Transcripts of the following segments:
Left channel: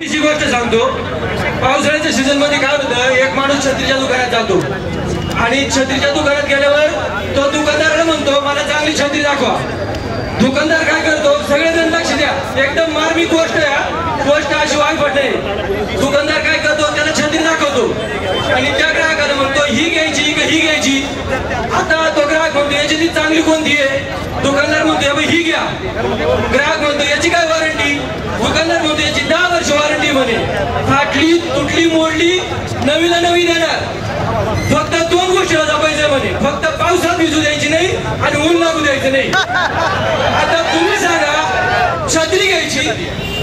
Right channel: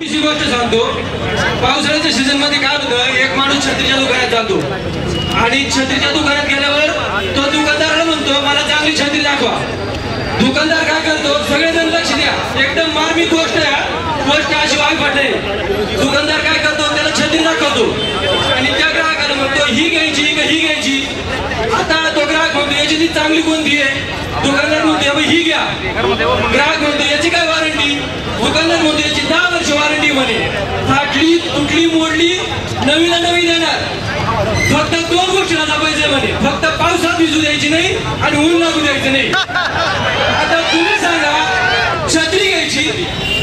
ही गोष्ट सांगतो, पावसाळ्याच्या सीझन मध्ये काय होतं, एक माणूस छत्रीच्या दुकानात जातो आणि छत्रीच्या दुकानात गेल्यावर तो दुकानदाराला म्हणतो मला चांगली छत्री दाखवा। दुकानदार काय करतो, सगळेजण लक्ष द्या, एकदम मार्मिक गोष्ट आहे, गोष्ट अशी वाईट नाही। दुकानदार काय करतो, त्याला छत्री दाखवतो आणि त्या ग्राहकाला म्हणतो ही घ्यायची का ही घ्यायची। आता तो ग्राहक म्हणतो याची चांगली कोणती आहे, दुकानदार म्हणतो ही घ्या। ग्राहक म्हणतो याची काय वॉरंटी, दुकानदार म्हणतो याची 10 वर्ष वॉरंटी म्हणे। फाटली तुटली मोडली नवीला नवी देणार, फक्त 2 गोष्टीला जपायचं म्हणे, फक्त पावसात भिजू द्यायची नाही आणि ऊन लागू द्यायचं नाही। आता तुम्ही सांगा, छत्री घ्यायची,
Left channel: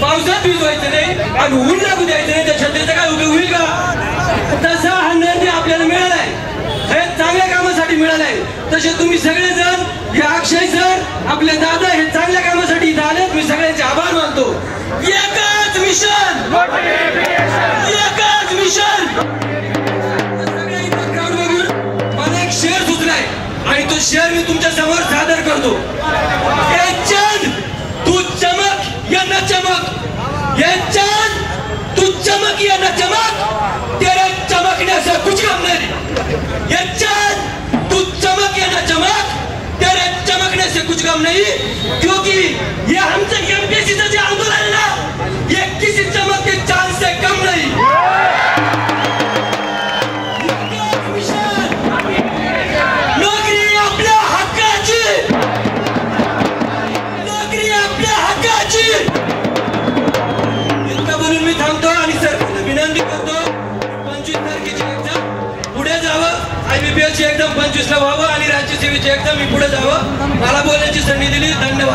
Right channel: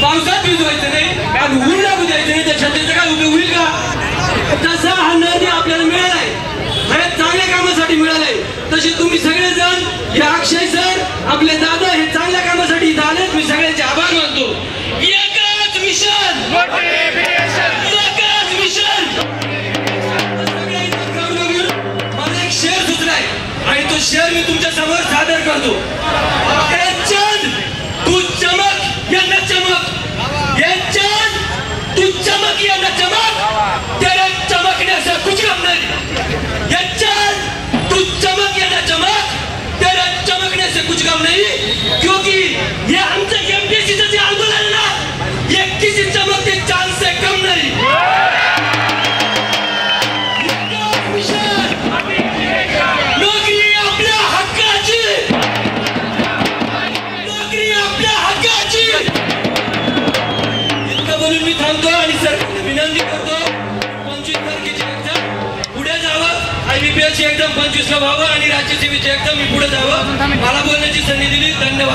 पावसात भिजवायचं नाही आणि ऊन लागू द्यायचं नाही, तर छत्रीचा काय उपयोग होईल का? तसा हा नदी आपल्याला मिळालाय, हे चांगल्या कामासाठी मिळालाय। तसे तुम्ही सगळेजण, हे अक्षय सर, आपले दादा, हे चांगल्या कामासाठी इथं आलेत, मी सगळ्यांचे आभार मानतो। एकच मिशन, एकच मिशन। मला एक शेर सुचलाय आणि तो शेर मी तुमच्या समोर सादर करतो। ए चांद तू चमक या न चमक, ये चांद तू चमक या न चमक, तेरे चमकने से कुछ कम नहीं। ये चांद तू चमक या न चमक, तेरे चमकने से कुछ कम नहीं, क्योंकि ये हमसे एमपीएससी से आंदोलन है ना, ये किसी चमकते चांद से कम नहीं। नौकरी आपल्या हक्काची, नौकरी आपल्या हक्काची। इतकं बोलून मी थांबतो आणि सरकारला विनंती करतो, 25 तारखेची एक्झाम पुढे जावं, IBPS ची एक्झाम 25 ला व्हावं आणि राज्यसेवेची एक्झाम मी पुढे जावं। मला बोलण्याची संधी दिली, धन्यवाद।